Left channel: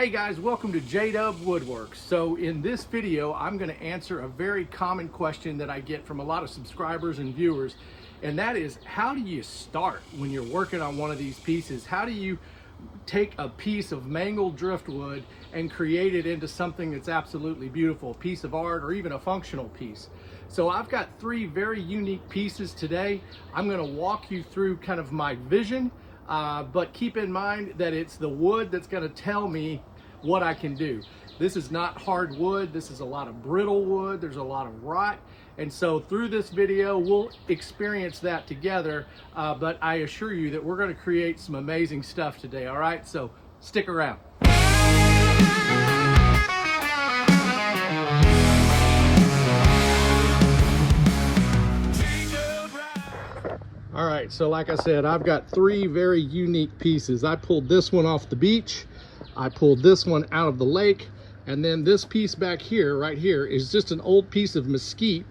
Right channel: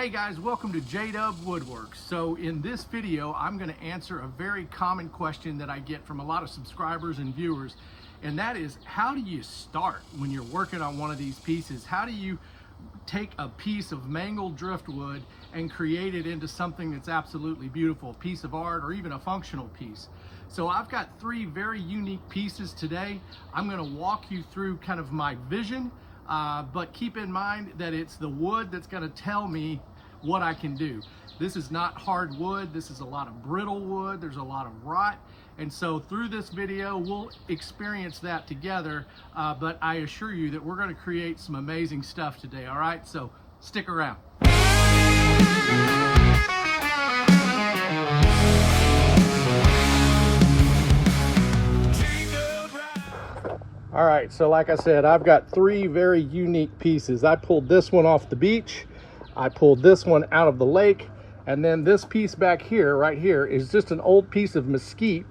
Hey guys, welcome to JDUB-Woodworks. So in this video, I'm going to answer a very common question that I get from a lot of subscribers and viewers, and that is, how do you start when you're working on one of these pieces? How do you take a piece of mangled driftwood and create it into something that's absolutely beautiful, a piece of art or even a functional piece? So I've got three very unique pieces today. I'm going to walk you through kind of my vision, but keep in mind that it's the wood that's going to tell me what I can do. This is not hard wood. This is a lot of brittle wood. There's a lot of rot. And so through this video, we'll experience that together. But I assure you that we're going to create some amazing stuff today. All right, so stick around. All right, so like I said, I've got three very unique pieces. I pulled this one off the beach. I pulled this one out of the lake. And then this piece back here, right here, is just an old piece of mesquite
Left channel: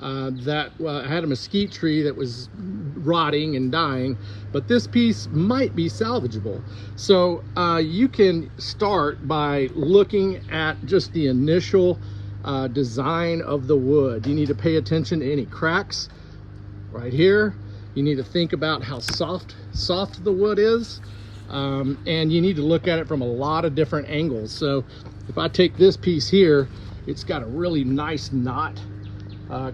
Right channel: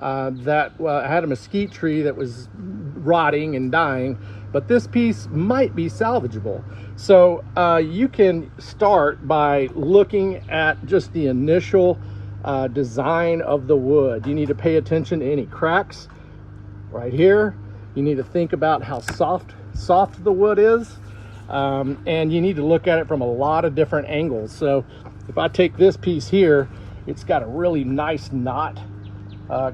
that had a mesquite tree that was rotting and dying. But this piece might be salvageable. So you can start by looking at just the initial design of the wood. You need to pay attention to any cracks right here. You need to think about how soft the wood is, and you need to look at it from a lot of different angles. So if I take this piece here, it's got a really nice knot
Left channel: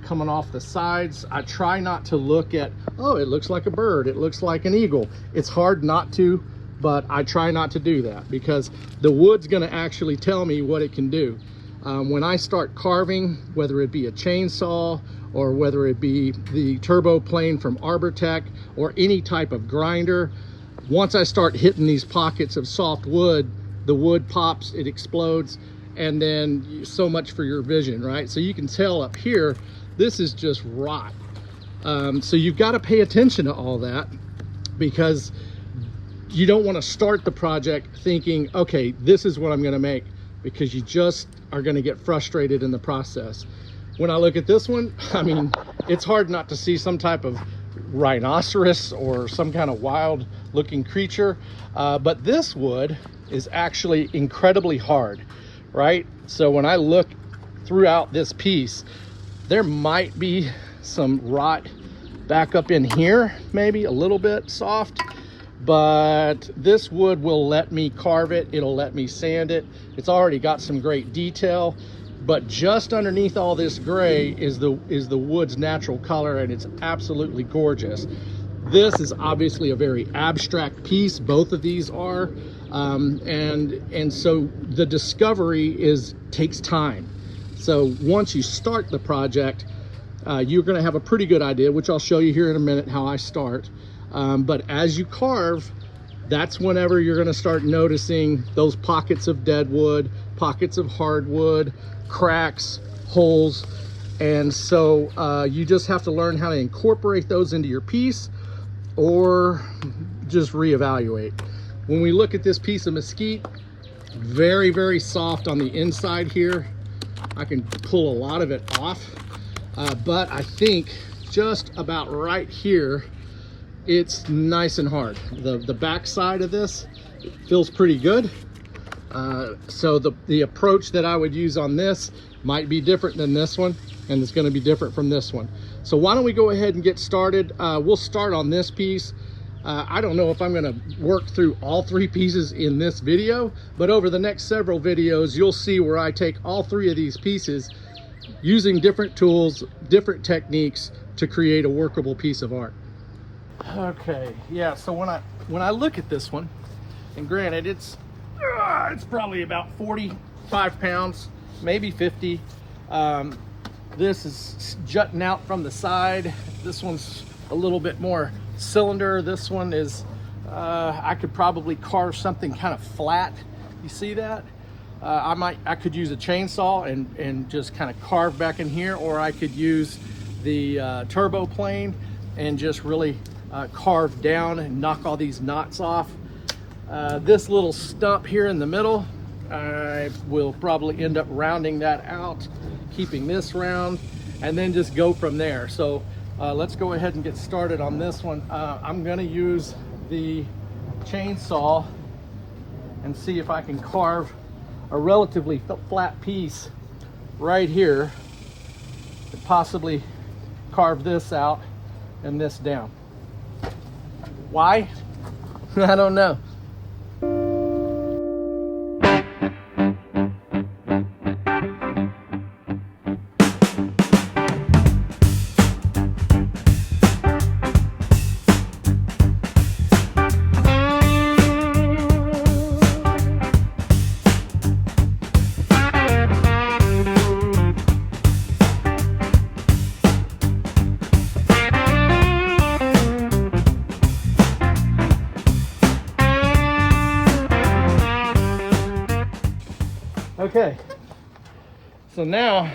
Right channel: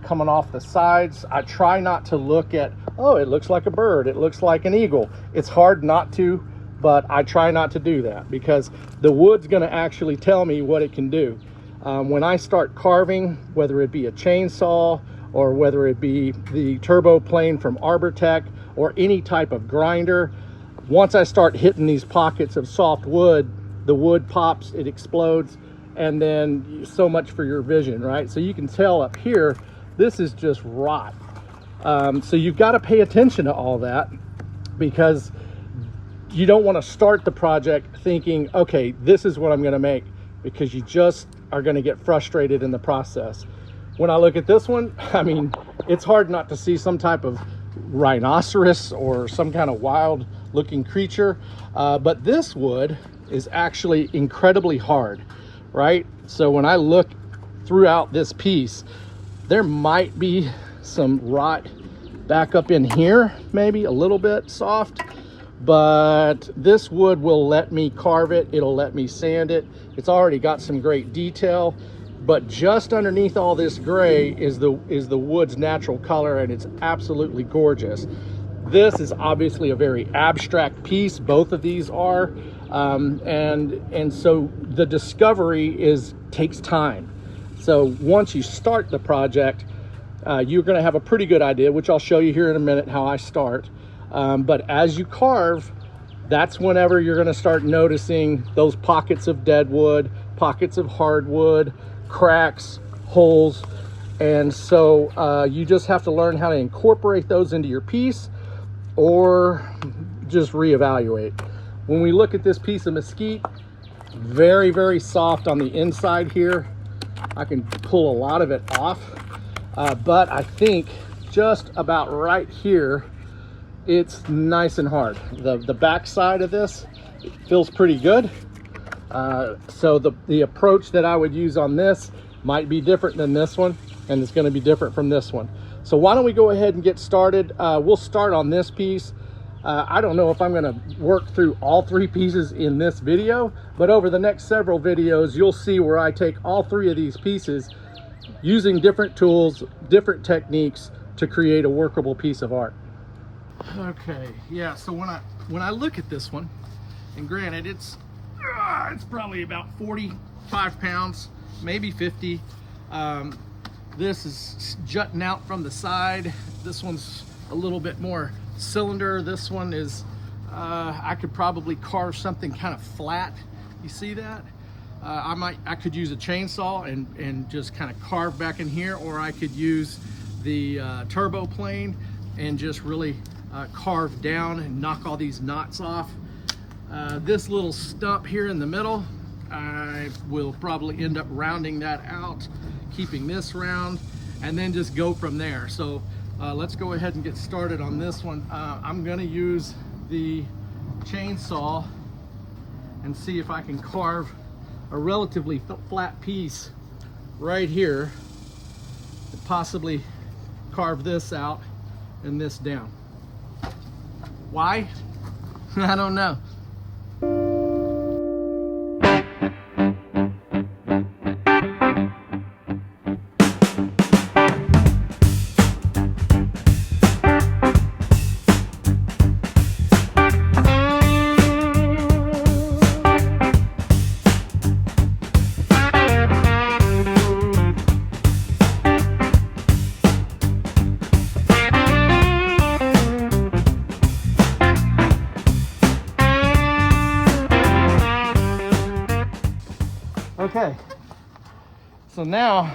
coming off the sides. I try not to look at, oh, it looks like a bird, it looks like an eagle. It's hard not to, but I try not to do that because the wood's going to actually tell me what it can do. When I start carving, whether it be a chainsaw or whether it be the turbo plane from Arbortech or any type of grinder, once I start hitting these pockets of soft wood, the wood pops, it explodes, and then so much for your vision, right? So you can tell up here, this is just rot. So you've got to pay attention to all that, because you don't want to start the project thinking, okay, this is what I'm going to make, because you just are going to get frustrated in the process. When I look at this one, I mean, it's hard not to see some type of rhinoceros or some kind of wild looking creature, but this wood is actually incredibly hard, right? So when I look throughout this piece, there might be some rot back up in here, maybe a little bit soft, but this wood will let me carve it, it'll let me sand it. It's already got some great detail. But just underneath all this gray is the wood's natural color, and it's absolutely gorgeous. This is obviously a very abstract piece. Both of these are, and so the discovery takes time. So once you start the project, you're going to have a pretty good idea, which I'll show you here in a minute how I start. But as you carve, that's whenever you're going to start noticing those pockets of deadwood, pockets of hardwood, cracks, holes, and so you just have to learn how to incorporate those into your piece or just reevaluate. When we look at this piece of mesquite, very, very soft on the inside here. I can pull a lot of it off, but I think just about right here, it's nice and hard. The back side of this, it feels pretty good. So the approach that I would use on this might be different than this one, and it's going to be different from this one. So why don't we go ahead and get started? We'll start on this piece. I don't know if I'm going to work through all three pieces in this video, but over the next several videos, you'll see where I take all three of these pieces using different tools, different techniques to create a workable piece of art. Okay, yeah, so when I look at this one, and granted, it's probably about 45 pounds, maybe 50. This is jutting out from the side. This one's a little bit more cylinder. This one is, I could probably carve something kind of flat. You see that? I could use a chainsaw and just kind of carve back in here, or I could use the turbo plane and just really carve down and knock all these knots off. This little stump here in the middle, I will probably end up rounding that out, keeping this round, and then just go from there. So let's go ahead and get started on this one. I'm going to use the chainsaw and see if I can carve a relatively flat piece right here, and possibly carve this out and this down. Why? I don't know. Okay, so now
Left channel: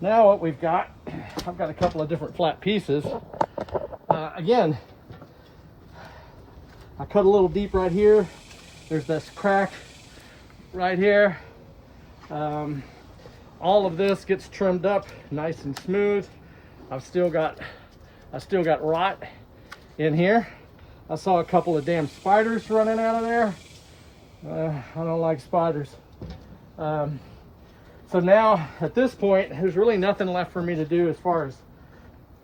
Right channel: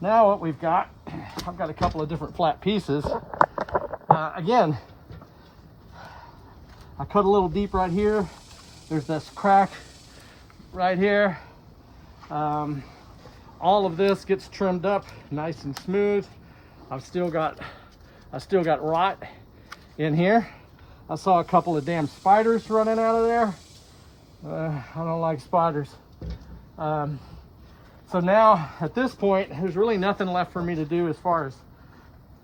what we've got, I've got a couple of different flat pieces. Again, I cut a little deep right here. There's this crack right here. All of this gets trimmed up nice and smooth. I've still got rot in here. I saw a couple of damn spiders running out of there. I don't like spiders. So now at this point, there's really nothing left for me to do as far as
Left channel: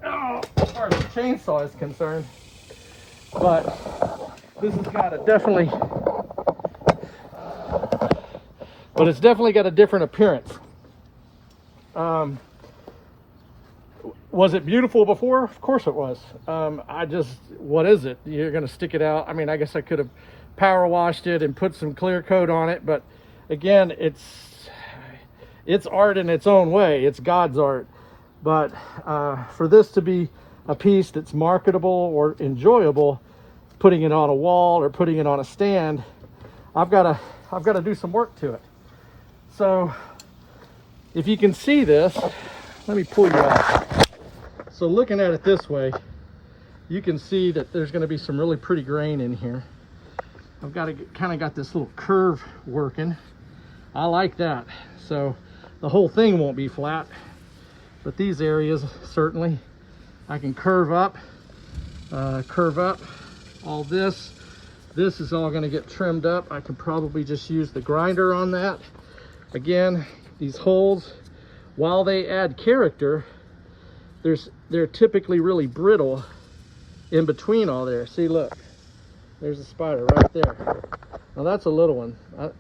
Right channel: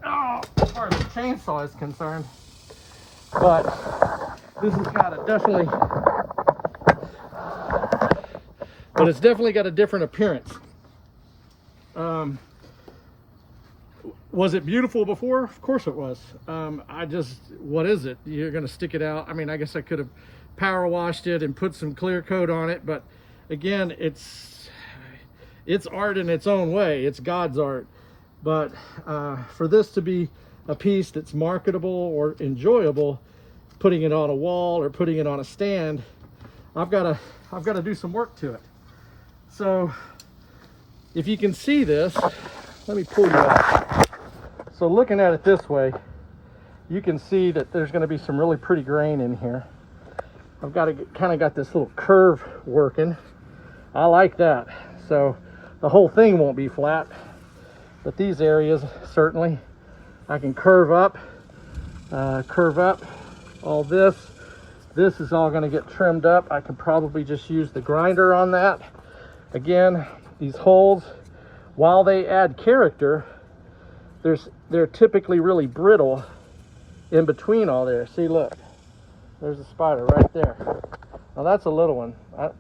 the chainsaw is concerned. But this has got a it's definitely got a different appearance. Was it beautiful before? Of course it was. What is it? You're gonna stick it out. I mean, I guess I could have power washed it and put some clear coat on it, but again, it's art in its own way. It's God's art. But for this to be a piece that's marketable or enjoyable, putting it on a wall or putting it on a stand, I've got to do some work to it. So if you can see this, let me pull you out. So looking at it this way, you can see that there's going to be some really pretty grain in here. I've kind of got this little curve working. I like that. So the whole thing won't be flat, but these areas certainly. I can curve up all this. This is all going to get trimmed up. I could probably just use the grinder on that. Again, these holes, while they add character, they're typically really brittle in between all there. See, look, there's a spider right there. Now that's a little one. I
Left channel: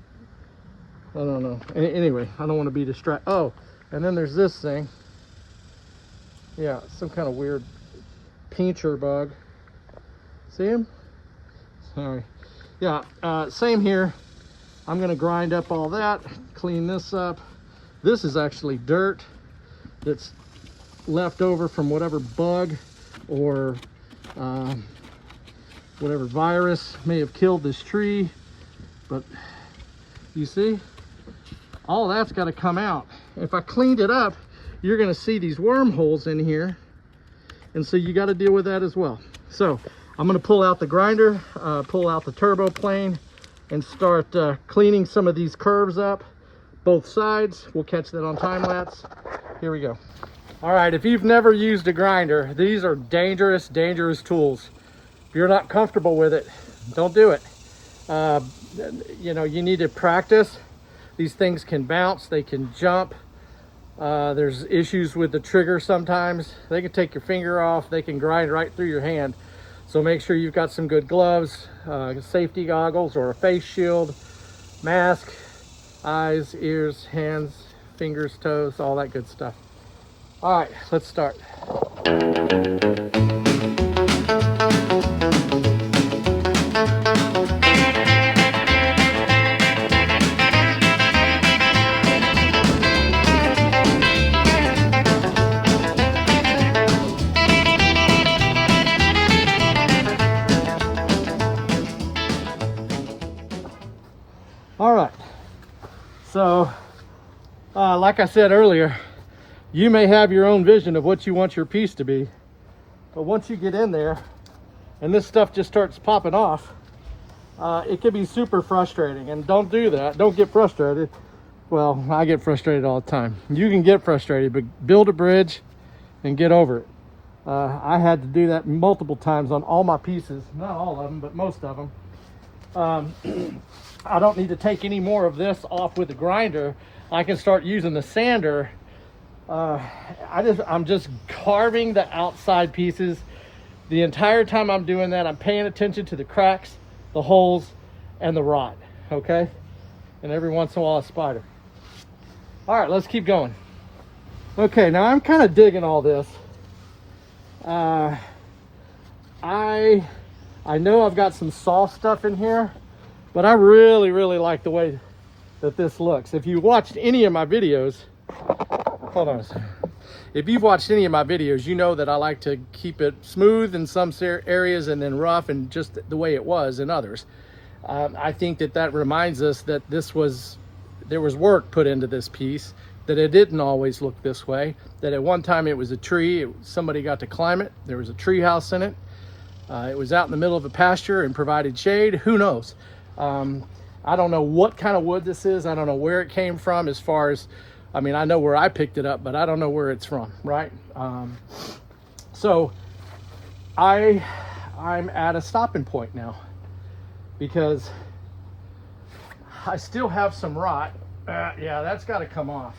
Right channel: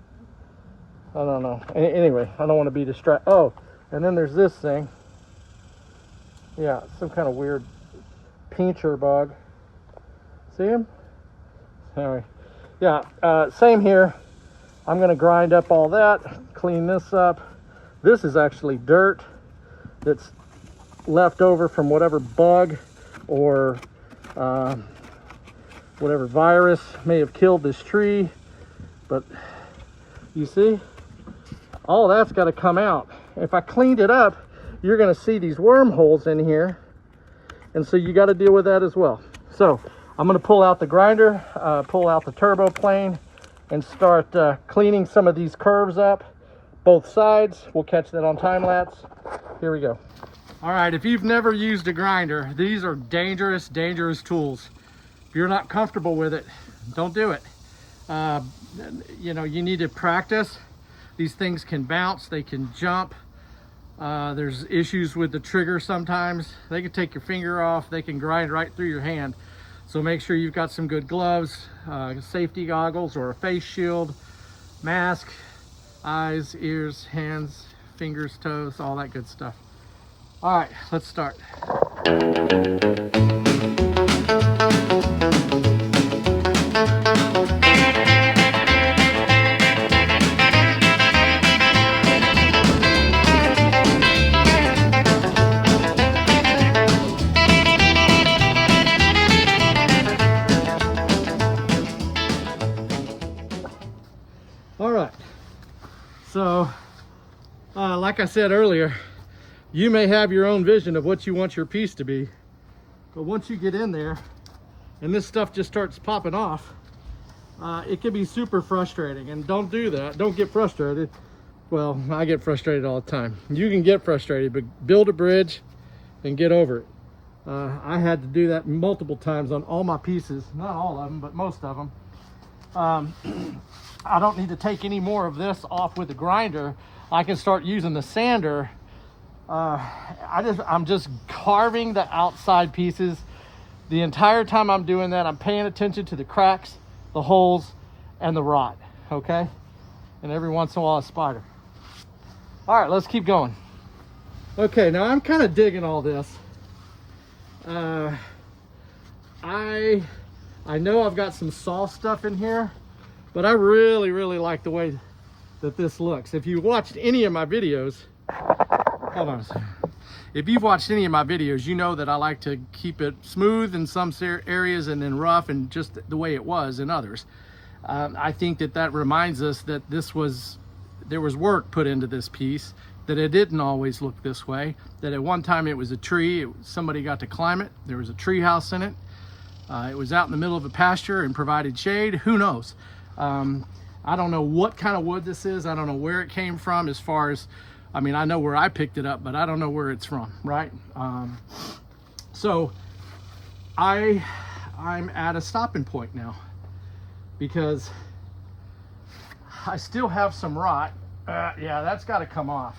don't know. Anyway, I don't want to be distracted. Oh, and then there's this thing. Yeah, some kind of weird pincher bug. See him? All right. Yeah, same here. I'm going to grind up all that, clean this up. This is actually dirt that's left over from whatever bug or whatever virus may have killed this tree. But you see, all that's got to come out. If I cleaned it up, you're going to see these wormholes in here, and so you got to deal with that as well. So I'm going to pull out the grinder, pull out the turbo plane, and start cleaning some of these curves up, both sides. We'll catch that on time lapse. Here we go. All right, if you've never used a grinder, these are dangerous tools. If you're not comfortable with it, don't do it. You know, you need to practice. These things can bounce, they can jump. There's issues with the trigger sometimes. They can take your finger off, they can grind right through your hand. So make sure you've got some good gloves, safety goggles or a face shield, mask, eyes, ears, hands, fingers, toes, all that good stuff. All right, let's start. So, like I said earlier, you may have your own vision of what you want your piece to be, but once you get in there and this stuff just starts popping off, it can be super frustrating. And don't do that. Don't get frustrated. Well, I get frustrated all the time. You can get frustrated, but build a bridge and get over it. I had to do that multiple times on all my pieces, not all of them, but most of them. I don't need to take any more of this off with the grinder. I can start using the sander. I'm just carving the outside pieces. The entire time I'm doing that, I'm paying attention to the cracks, the holes, and the rot, okay? And every once in a while, a spider. All right, let's keep going. Okay, now I'm kind of digging all this. I know I've got some soft stuff in here, but I really, really like the way that this looks. If you watched any of my videos, hold on a second. If you've watched any of my videos, you know that I like to keep it smooth in some areas and then rough and just the way it was in others. I think that reminds us that there was work put into this piece, that it didn't always look this way, that at one time it was a tree, somebody got to climb it, there was a tree house in it, it was out in the middle of a pasture and provided shade, who knows. I don't know what kind of wood this is, I don't know where it came from as far as, I mean, I know where I picked it up, but I don't know where it's from, right? So I'm at a stopping point now because I still have some rot. Yeah, that's got to come off.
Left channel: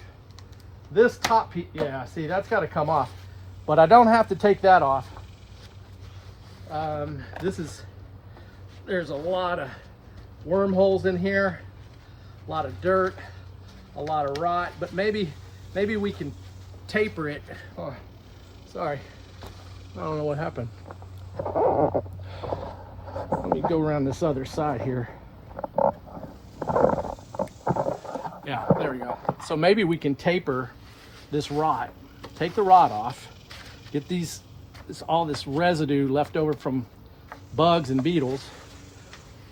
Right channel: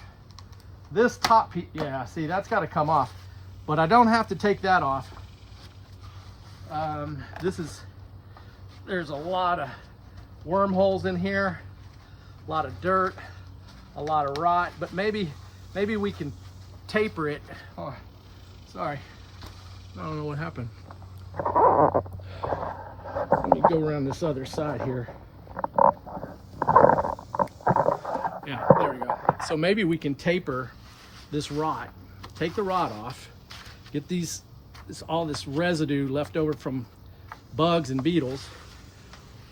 This top piece, yeah, see, that's got to come off, but I don't have to take that off. There's a lot of wormholes in here, a lot of dirt, a lot of rot, but maybe we can taper it. Oh, sorry, I don't know what happened. Let me go around this other side here. Yeah, there we go. So maybe we can taper this rot, take the rot off, get all this residue left over from bugs and beetles,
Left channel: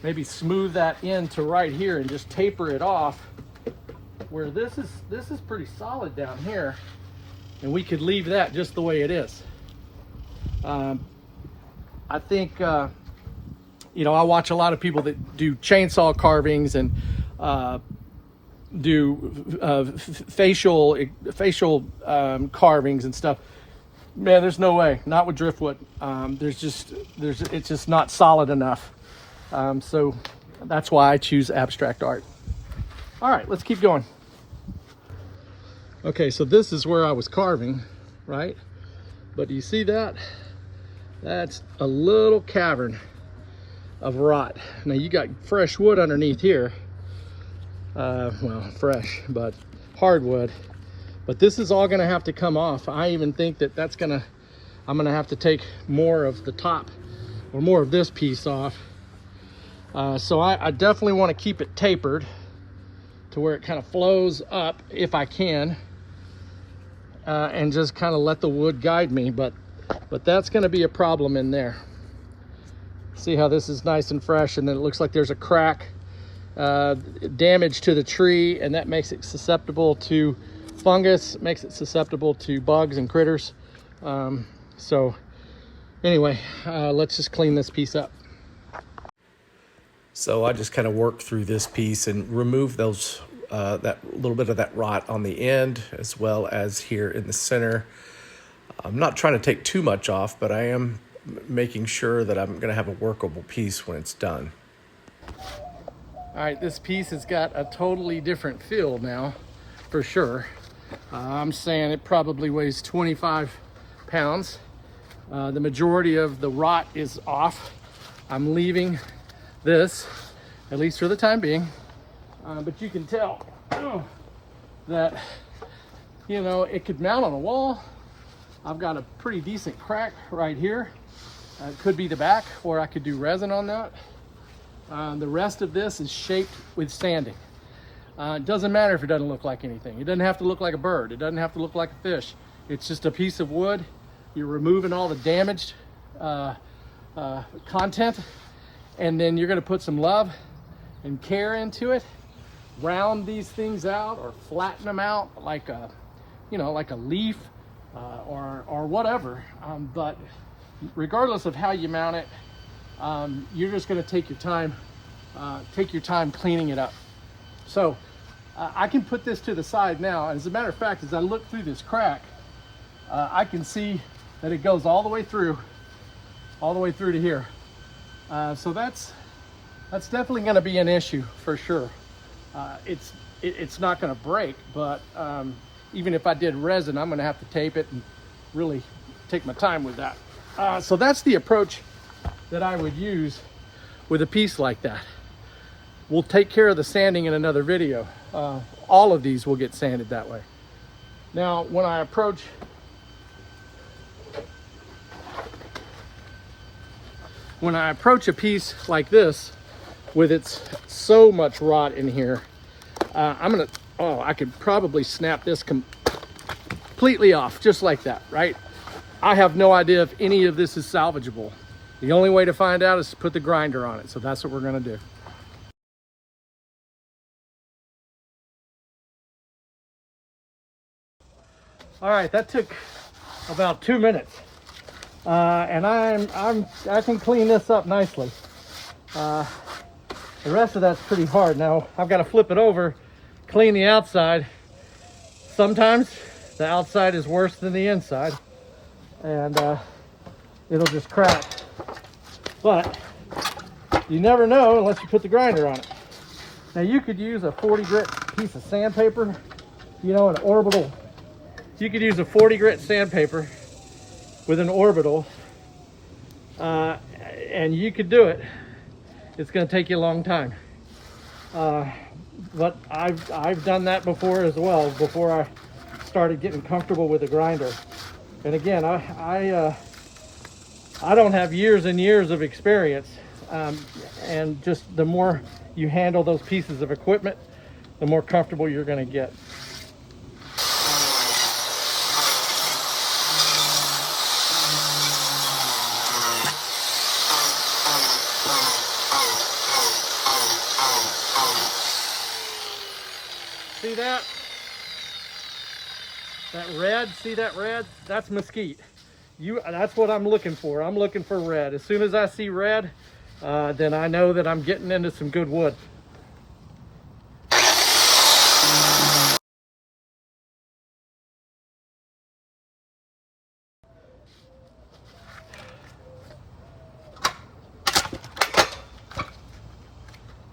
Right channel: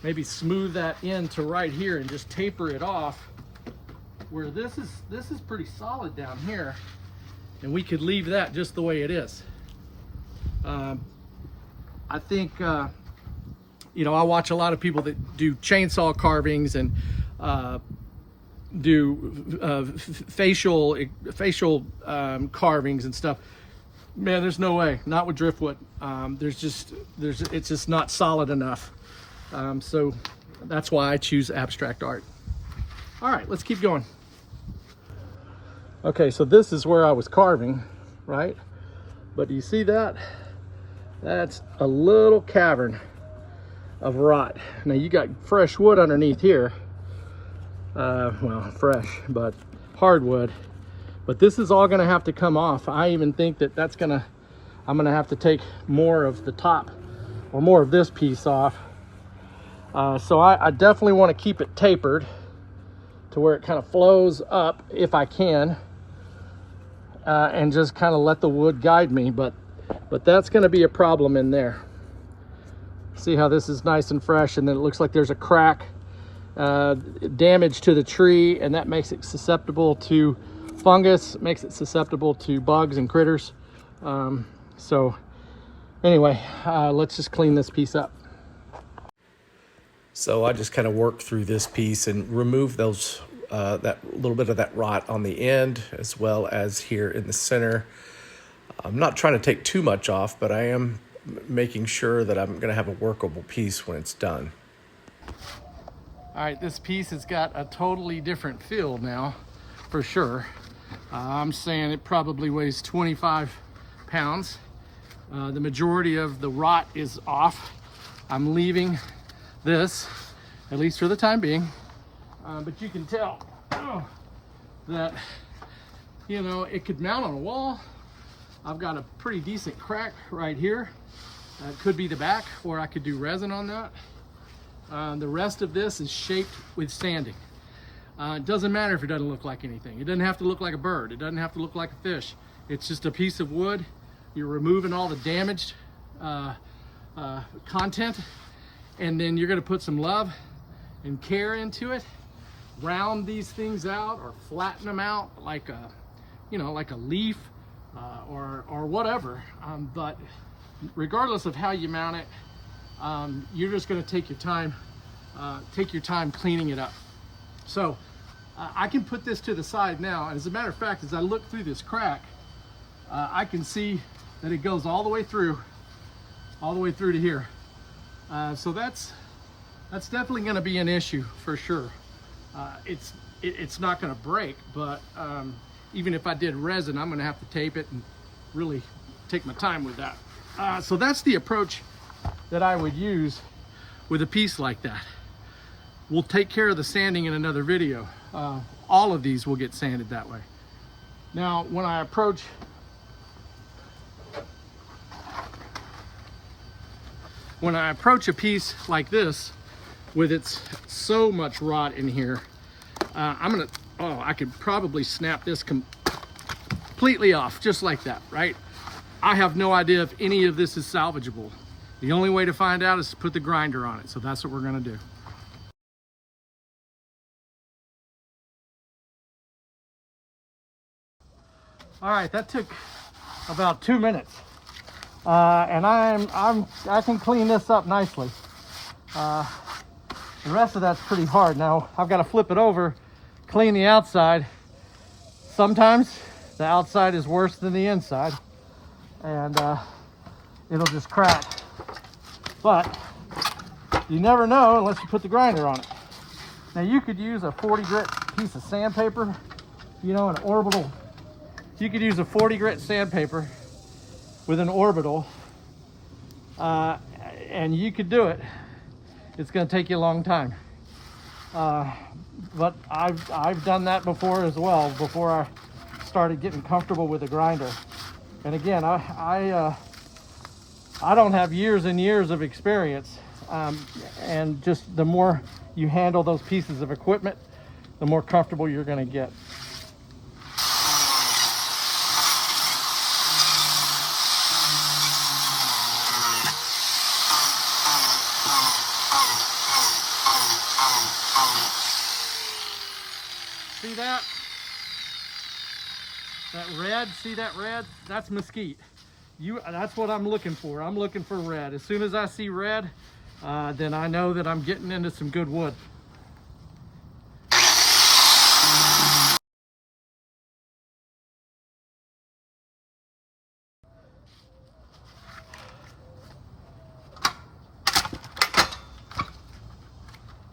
maybe smooth that into right here and just taper it off where this is pretty solid down here, and we could leave that just the way it is. I think, you know, I watch a lot of people that do chainsaw carvings and do facial carvings and stuff. Man, there's no way, not with driftwood. It's just not solid enough. So that's why I choose abstract art. All right, let's keep going. Okay, so this is where I was carving, right? But do you see that? That's a little cavern of rot. Now you got fresh wood underneath here. Well, fresh, but hardwood. But this is all gonna have to come off. I even think that I'm gonna have to take more of the top or more of this piece off. So I definitely wanna keep it tapered to where it kind of flows up if I can, and just kind of let the wood guide me, but that's gonna be a problem in there. See how this is nice and fresh, and then it looks like there's a crack, damage to the tree, and that makes it susceptible to fungus, makes it susceptible to bugs and critters. So anyway, let's just clean this piece up. So I just kind of worked through this piece and removed those that little bit of that rot on the end, as well as here in the center. I'm not trying to take too much off, but I am making sure that I'm going to have a workable piece when it's done. All right, this piece has got a totally different feel now, for sure. I'm saying it probably weighs 25 pounds. The majority of the rot is off. I'm leaving this, at least for the time being. But you can tell that, you know, it could mount on a wall. I've got a pretty decent crack right here. It could be the back, or I could do resin on that. The rest of this is shaped with sanding. It doesn't matter if it doesn't look like anything. It doesn't have to look like a bird. It doesn't have to look like a fish. It's just a piece of wood. You're removing all the damaged content, and then you're gonna put some love and care into it, round these things out or flatten them out like a, you know, like a leaf or whatever. But regardless of how you mount it, you're just going to take your time cleaning it up. So I can put this to the side now, and as a matter of fact, as I look through this crack, I can see that it goes all the way through to here. So that's That's definitely going to be an issue for sure. It's not going to break, but even if I did resin, I'm going to have to tape it and really take my time with that. So that's the approach that I would use with a piece like that. We'll take care of the sanding in another video. All of these will get sanded that way. Now, when I approach a piece like this with its so much rot in here, I could probably snap this completely off just like that, right? I have no idea if any of this is salvageable. The only way to find out is to put the grinder on it. So that's what we're gonna do. All right, that took about 2 minutes. And I can clean this up nicely. The rest of that's pretty hard. Now I've got to flip it over, clean the outside. Sometimes the outside is worse than the inside, and it'll just crack. But you never know unless you put the grinder on it. Now you could use a 40 grit piece of sandpaper, you know, an orbital. You could use a 40 grit sandpaper with an orbital, and you could do it. It's going to take you a long time, but I've done that before as well, before I started getting comfortable with the grinder. And again, I don't have years and years of experience, and just the more you handle those pieces of equipment, the more comfortable you're going to get. See that? That red, see that red? That's mesquite. That's what I'm looking for. I'm looking for red. As soon as I see red, then I know that I'm getting into some good wood.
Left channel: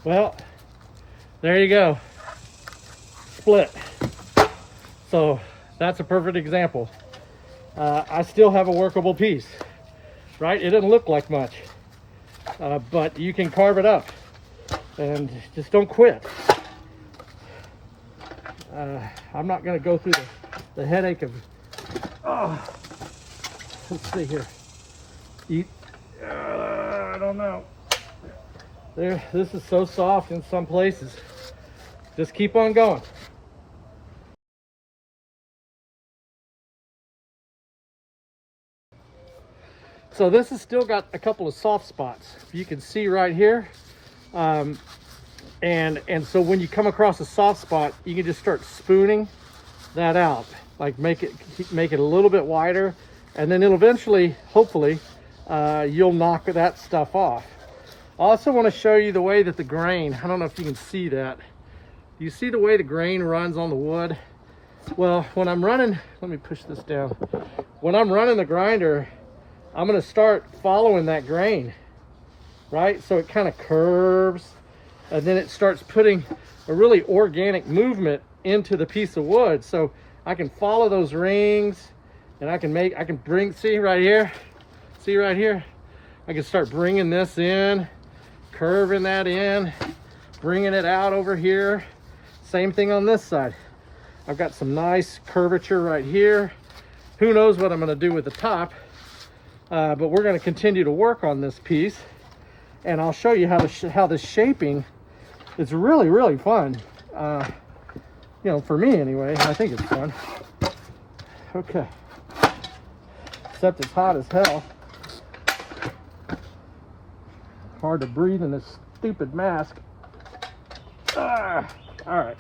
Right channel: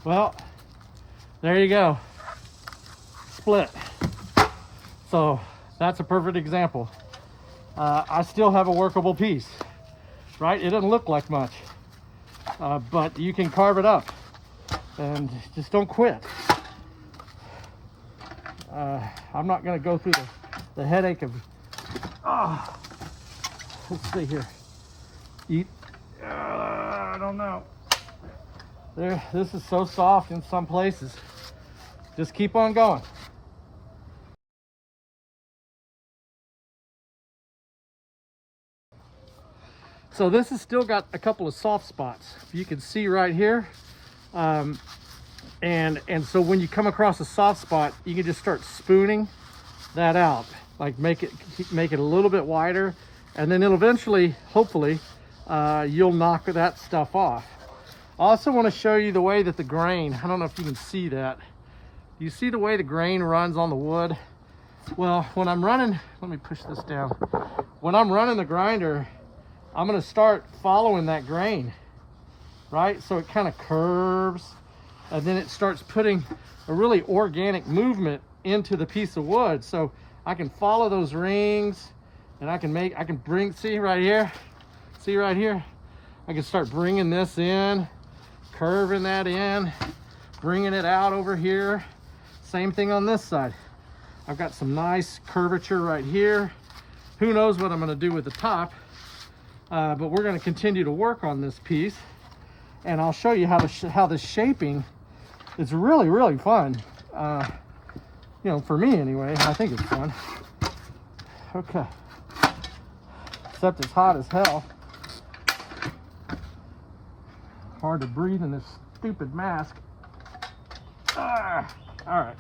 Well, there you go. Split. So that's a perfect example. I still have a workable piece, right? It doesn't look like much, but you can carve it up, and just don't quit. I'm not going to go through the headache of, let's see here. I don't know. This is so soft in some places. Just keep on going. So this has still got a couple of soft spots. You can see right here. And so when you come across a soft spot, you can just start spooning that out. Like make it a little bit wider, and then it'll eventually, hopefully, you'll knock that stuff off. I also want to show you the way that the grain, I don't know if you can see that. You see the way the grain runs on the wood? Well, when I'm running, let me push this down. When I'm running the grinder, I'm going to start following that grain, right? So it kind of curves, and then it starts putting a really organic movement into the piece of wood. So I can follow those rings, and I can bring, see right here? I can start bringing this in, curving that in, bringing it out over here. Same thing on this side. I've got some nice curvature right here. Who knows what I'm going to do with the top, but we're going to continue to work on this piece, and I'll show you how the shaping is really, really fun. You know, for me anyway, I think it's fun. Okay. Except it's hot as hell. Hard to breathe in this stupid mask. All right.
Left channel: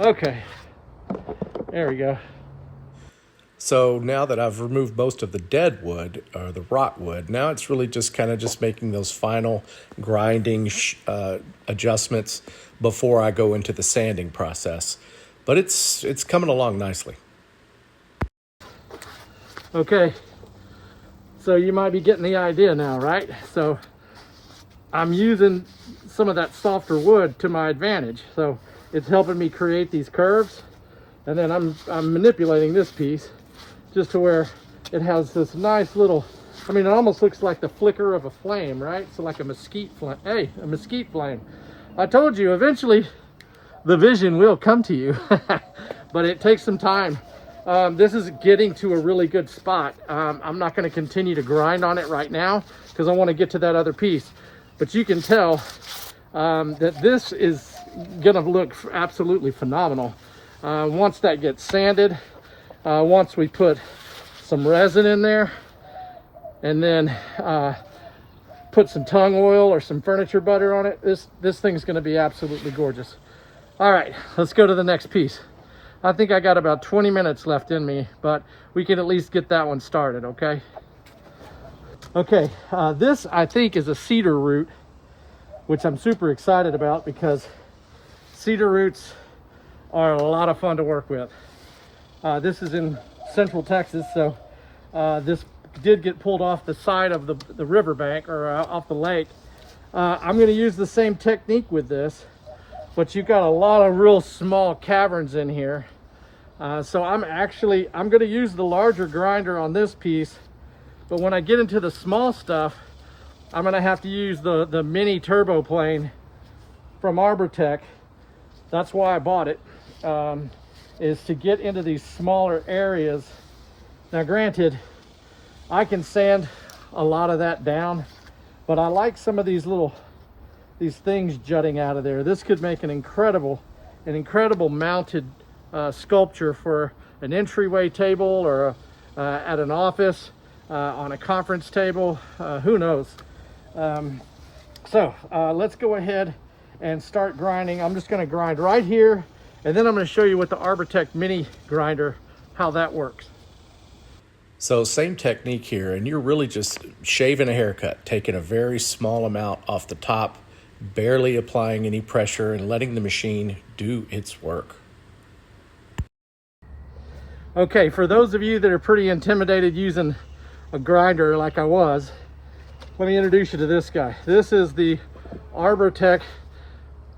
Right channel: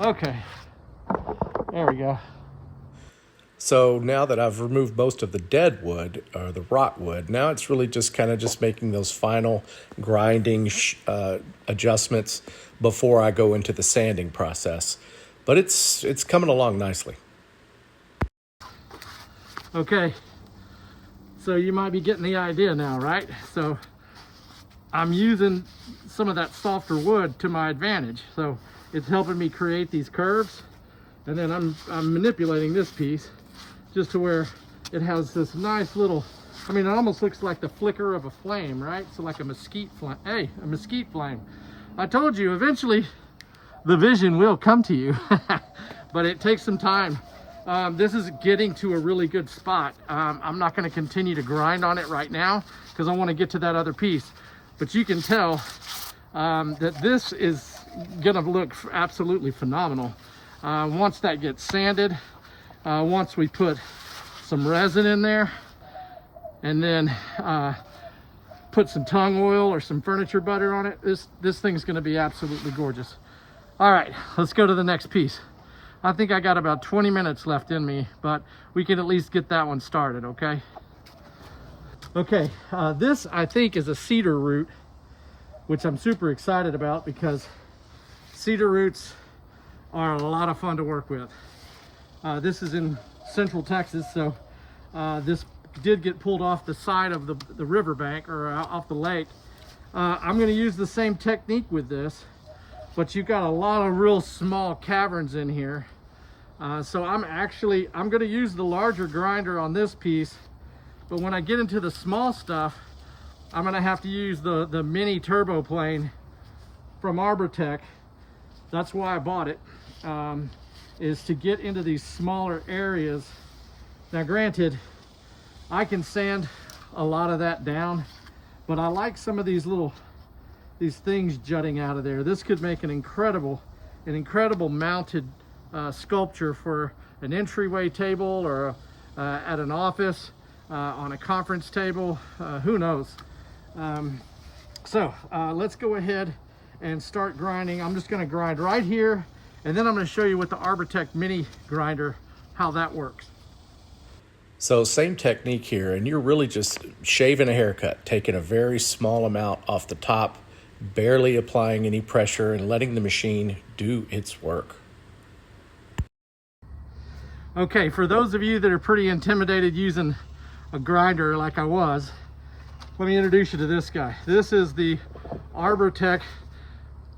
Okay. There we go. So now that I've removed most of the dead wood or the rot wood, now it's really just kind of just making those final grinding adjustments before I go into the sanding process. But it's coming along nicely. Okay. So you might be getting the idea now, right? So I'm using some of that softer wood to my advantage. So it's helping me create these curves. And then I'm manipulating this piece just to where it has this nice little, I mean, it almost looks like the flicker of a flame, right? So like a mesquite flame. Hey, a mesquite flame. I told you, eventually the vision will come to you, but it takes some time. This is getting to a really good spot. I'm not going to continue to grind on it right now because I want to get to that other piece. But you can tell that this is going to look absolutely phenomenal. Once that gets sanded, once we put some resin in there, and then put some tung oil or some furniture butter on it, this thing's going to be absolutely gorgeous. All right, let's go to the next piece. I think I got about 20 minutes left in me, but we can at least get that one started, okay? Okay, this I think is a cedar root, which I'm super excited about because cedar roots are a lot of fun to work with. This is in Central Texas, so this did get pulled off the side of the riverbank or off the lake. I'm going to use the same technique with this, but you've got a lot of real small caverns in here. So I'm going to use the larger grinder on this piece, but when I get into the small stuff, I'm going to have to use the mini turbo plane from Arbortech. That's why I bought it, is to get into these smaller areas. Now granted, I can sand a lot of that down, but I like some of these things jutting out of there. This could make an incredible mounted sculpture for an entryway table or at an office, on a conference table, who knows. So let's go ahead and start grinding. I'm just going to grind right here, and then I'm going to show you with the Arbortech mini grinder how that works. So same technique here, and you're really just shaving a haircut, taking a very small amount off the top, barely applying any pressure and letting the machine do its work. Okay, for those of you that are pretty intimidated using a grinder like I was, let me introduce you to this guy. This is the Arbortech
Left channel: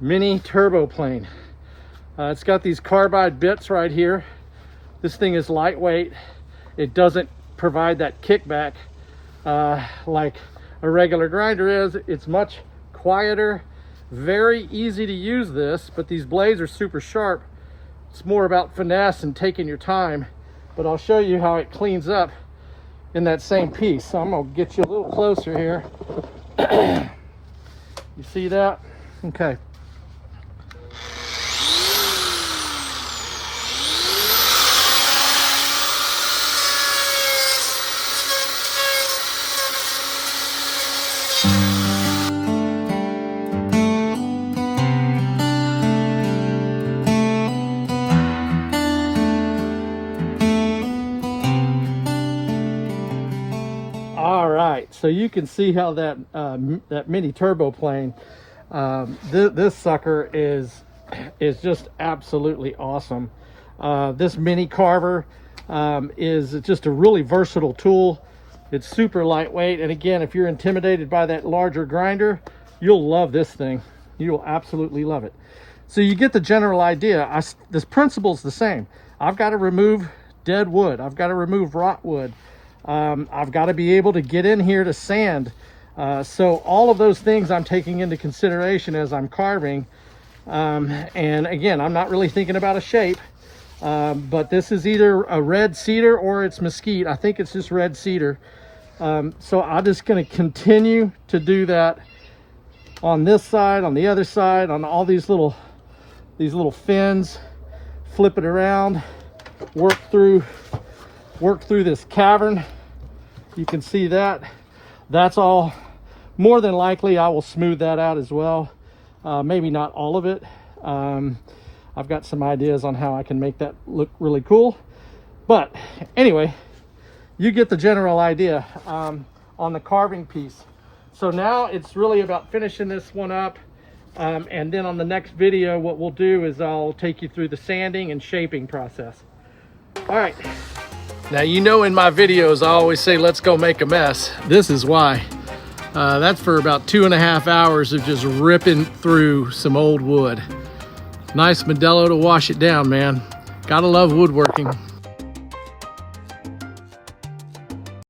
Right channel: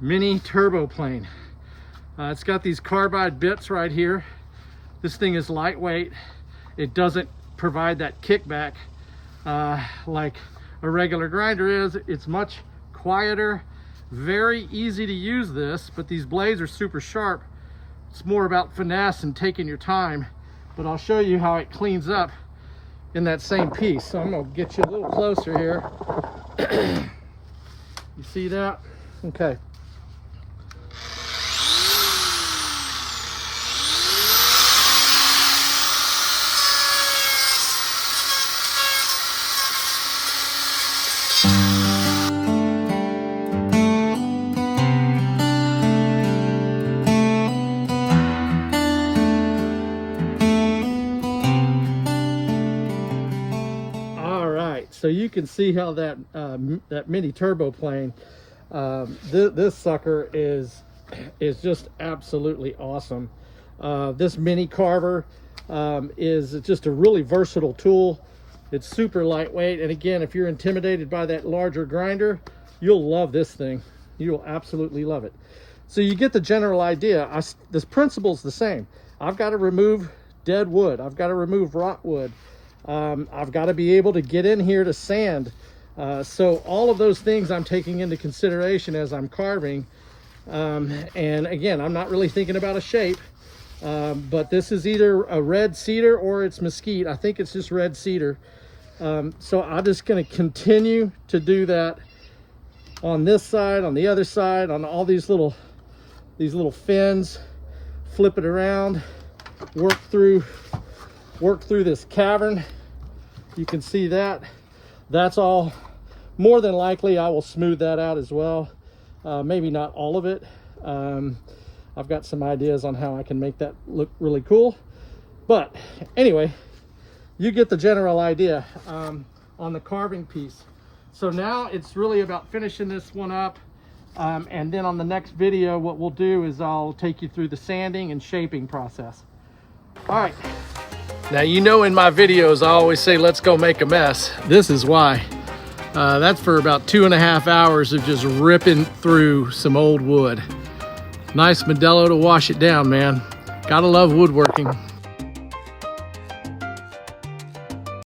mini turbo plane. It's got these carbide bits right here. This thing is lightweight. It doesn't provide that kickback like a regular grinder is. It's much quieter, very easy to use this, but these blades are super sharp. It's more about finesse and taking your time, but I'll show you how it cleans up in that same piece. So I'm gonna get you a little closer here. You see that? Okay. So you can see how that that mini turbo plane, this sucker is just absolutely awesome. This mini carver is just a really versatile tool. It's super lightweight, and again, if you're intimidated by that larger grinder, you'll love this thing. You'll absolutely love it. So you get the general idea. This principle's the same. I've got to remove dead wood. I've got to remove rot wood. I've got to be able to get in here to sand. So all of those things I'm taking into consideration as I'm carving. And again, I'm not really thinking about a shape, but this is either a red cedar or it's mesquite. I think it's just red cedar. So I'm just going to continue to do that on this side, on the other side, on all these little fins, flip it around, work through this cavern. You can see that. That's all. More than likely I will smooth that out as well. Maybe not all of it. I've got some ideas on how I can make that look really cool. But anyway, you get the general idea on the carving piece. So now it's really about finishing this one up. And then on the next video, what we'll do is I'll take you through the sanding and shaping process. All right. Now, you know, in my videos, I always say, let's go make a mess. This is why. That's for about 2.5 hours of just ripping through some old wood. Nice Modelo to wash it down, man. Gotta love woodworking.